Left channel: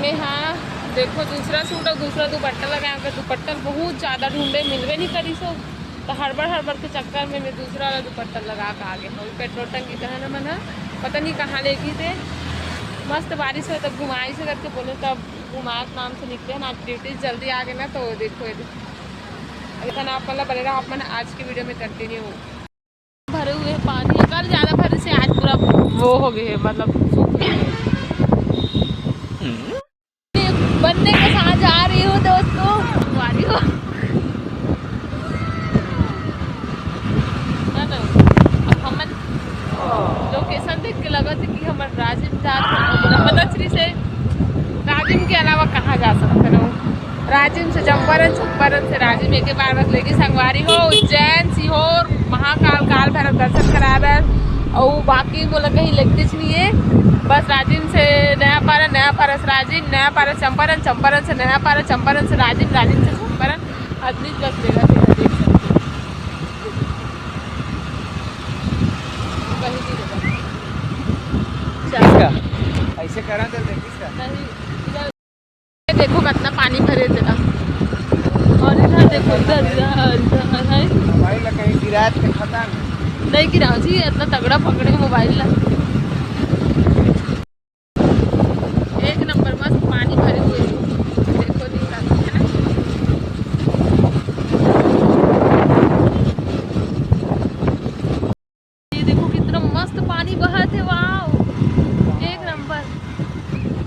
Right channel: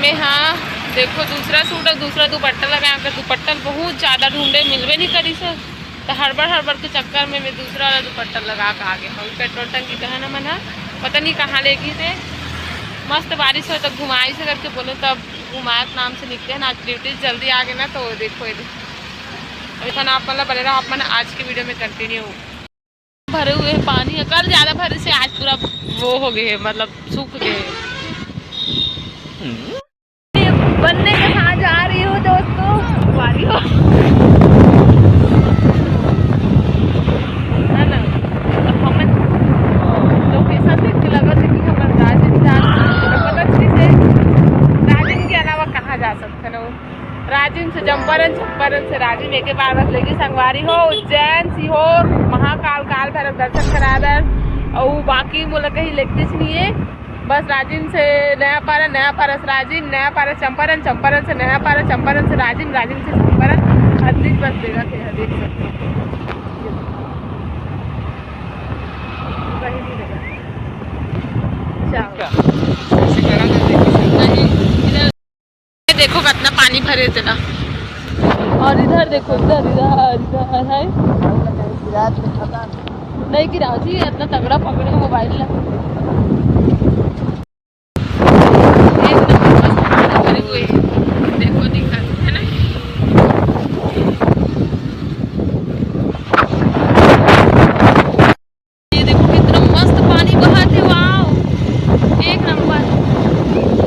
हमें हाँ देखो दूसरा सूट और दूसरा दुपट्टा लगाया कर, दुपट्टा बहुत ज़्यादा ढूंढे मिलवे नहीं करी सर, तो हड़बड़ के चक्कर में मैं दूसरा वाला दुपट्टा लगा के आ गया। हम पेट्रोल टंकी का है ना मना पता नहीं कहाँ ले गई थे। मस्त बारिश हो तब घुमाई से करके बोले तब घुमायत नाम से निकले ना। आज ड्यूटी जल्दी आ गए ना तो देखो ये अभी था ना आप मतलब बने रहो आप मैंने आज की वीडियो में कंटिन्यू भरे हुए पानी अगर ज़्यादा भरे से आज पूरा वो हो गए मतलब सूख गए। बनने के साथ जा रही हूँ दोस्तों वारी हो है ना। हम लोकेशन देख के लगा था कि हमारे राजिम से राजिम के अलावा कहाँ जा सकते ना। राजिम से चंपारण, चंपारण से राजिम एक बार बस लेगी संगवारी हो उज्जैन सीहोर महाकाल काल भैरव दर्शन करा दर और बाकी बोला कहीं लगती नहीं है। बस राजिम से नया पारा से राजिम, नया पारा चंपारण, चंपारण से नया पारा, चंपारण से राजिम, राजिम से चंपारण हदीज बस देगा फिर हदीज से कहीं नहीं देगा। देखो कितना पानी भरे थे और इधर देखो इधर है नहीं गिरा जी इतना तगड़ा पकड़े मोबाइल ला। एक नंबर बस पानी भरे हुए देखो दिखा है ना। ये देखो कितना मस्त पानी बहा थे वाओ एक नंबर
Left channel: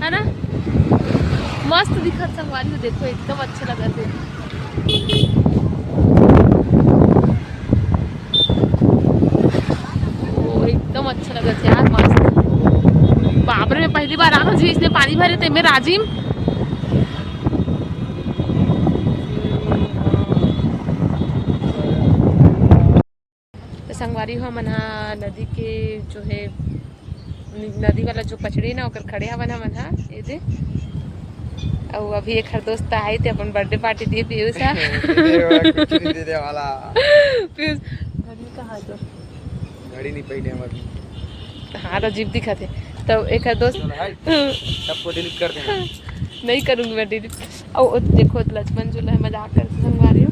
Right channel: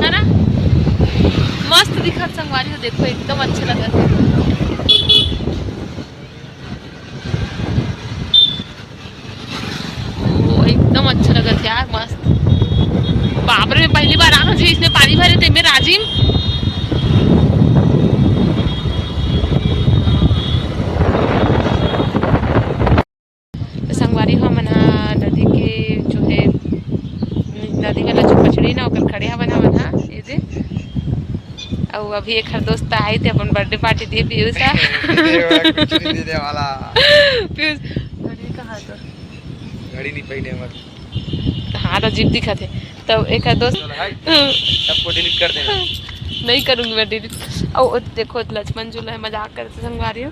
है ना। मस्त दिखा संगवारी हो देखो एकदम अच्छा लगा थे। एकदम अच्छा लगा था यार मस्त। बाबरे में पहली बार आना जी इसमें पानी भरे थे मैं राजिम। तो संगवारी हो मना नदी के जो है नदी वाला जो पचड़ी ना होकर खड़े हा बना मना ये दे और अभी एक हर दोस्त आए थे अपन बर्थडे पार्टी दिए पीयूष पीयूष घड़ी कहाँ तो घड़ी नहीं पहले हमारी हाँ तो जीप दिखा थे तो एक दोस्त सबको डिलीट कर देना। नहीं करूँगी मैं डिलीट। और देखो लक्ष्मण झूला है मजाक करते संगवारी हो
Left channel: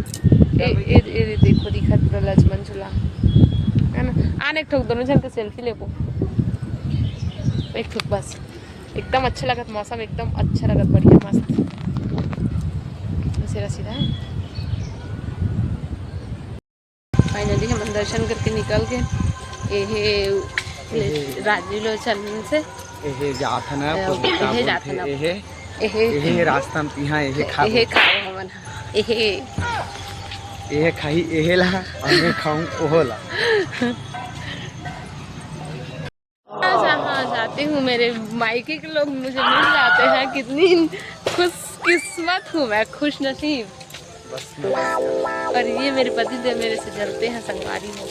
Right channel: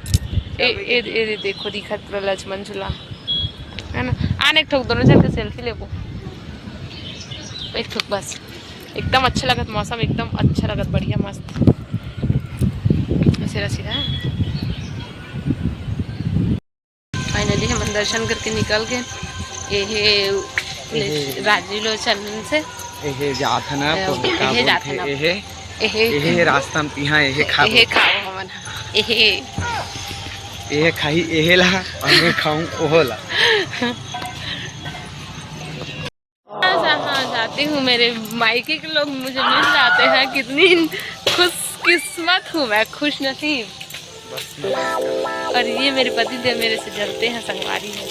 ए देखो दिखा पूरा लक्ष्मण झूला है ना। आने एक ठोक दोनों चल के सेल्फी ले वो एक ठोक बस एकदम अच्छा लगा मौसम एकदम अच्छा लगा बढ़िया मस्त सीधा सीधा। फाइनली हम दर्शन करके निकल गए ये राजीलोचन से जात है ना एहे जात है ना एहे रास्ता में पिहा एहे खा एहे खाओ हमन एहे खाई एहे ला और मैं खाऊं ओहो ला। हाँ जाती हूँ मेरे मायके के लोग मुझे मिल जाते हैं कितनी खुश किस्मत हूँ मैं खुश नसीब। और ये मेरे पति देव मेरे से जलते हैं संगवारी में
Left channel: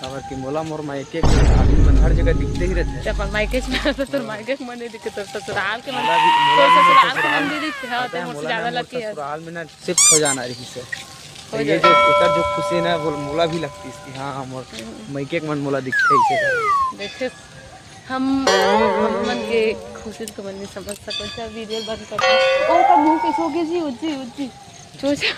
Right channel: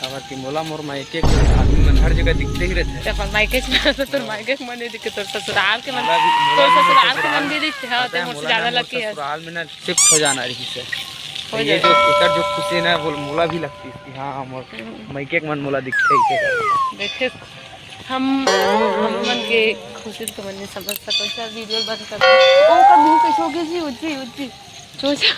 खबर की मोला मोर मायके आदमी मन हर जगह दिखते ही रहते हैं। अपन मायके तो मायके के मन नहीं दिखते तो ससुराल के मन तो ससुराल के मन भी दिखते हैं तो मुझसे ज्यादा लगती है। ससुराल में ना शिफ्ट हो जाना रही से हो जाए जो एकर जो खुशी ना वो मोला भी लगती है। हाँ मोर मायके के मन मोला दिखते ही देखे हम मन के खुशी तो मन नहीं समझ सको। वीडियो बंद करते ओ का मुंह कैसे हो गई जी उज्जी उज्जी चोचा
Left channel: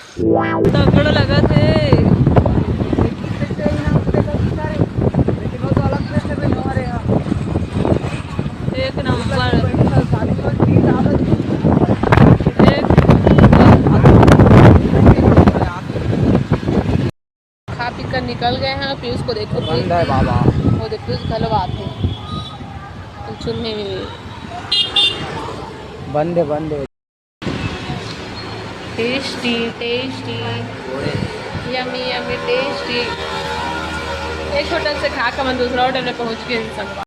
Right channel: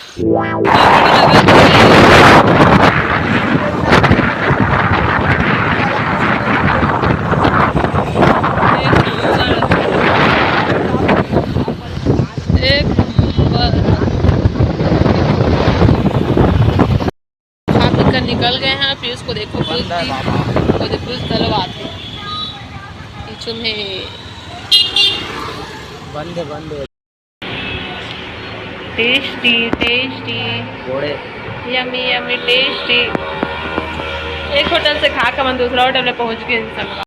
निकल गए हैं। पीयूष को देखो पीयूष गलवात है में बंद टेस्टी यमी टेस्टी। एक होटल से खा कर मैं दूसरा होटल में पहुंच गई।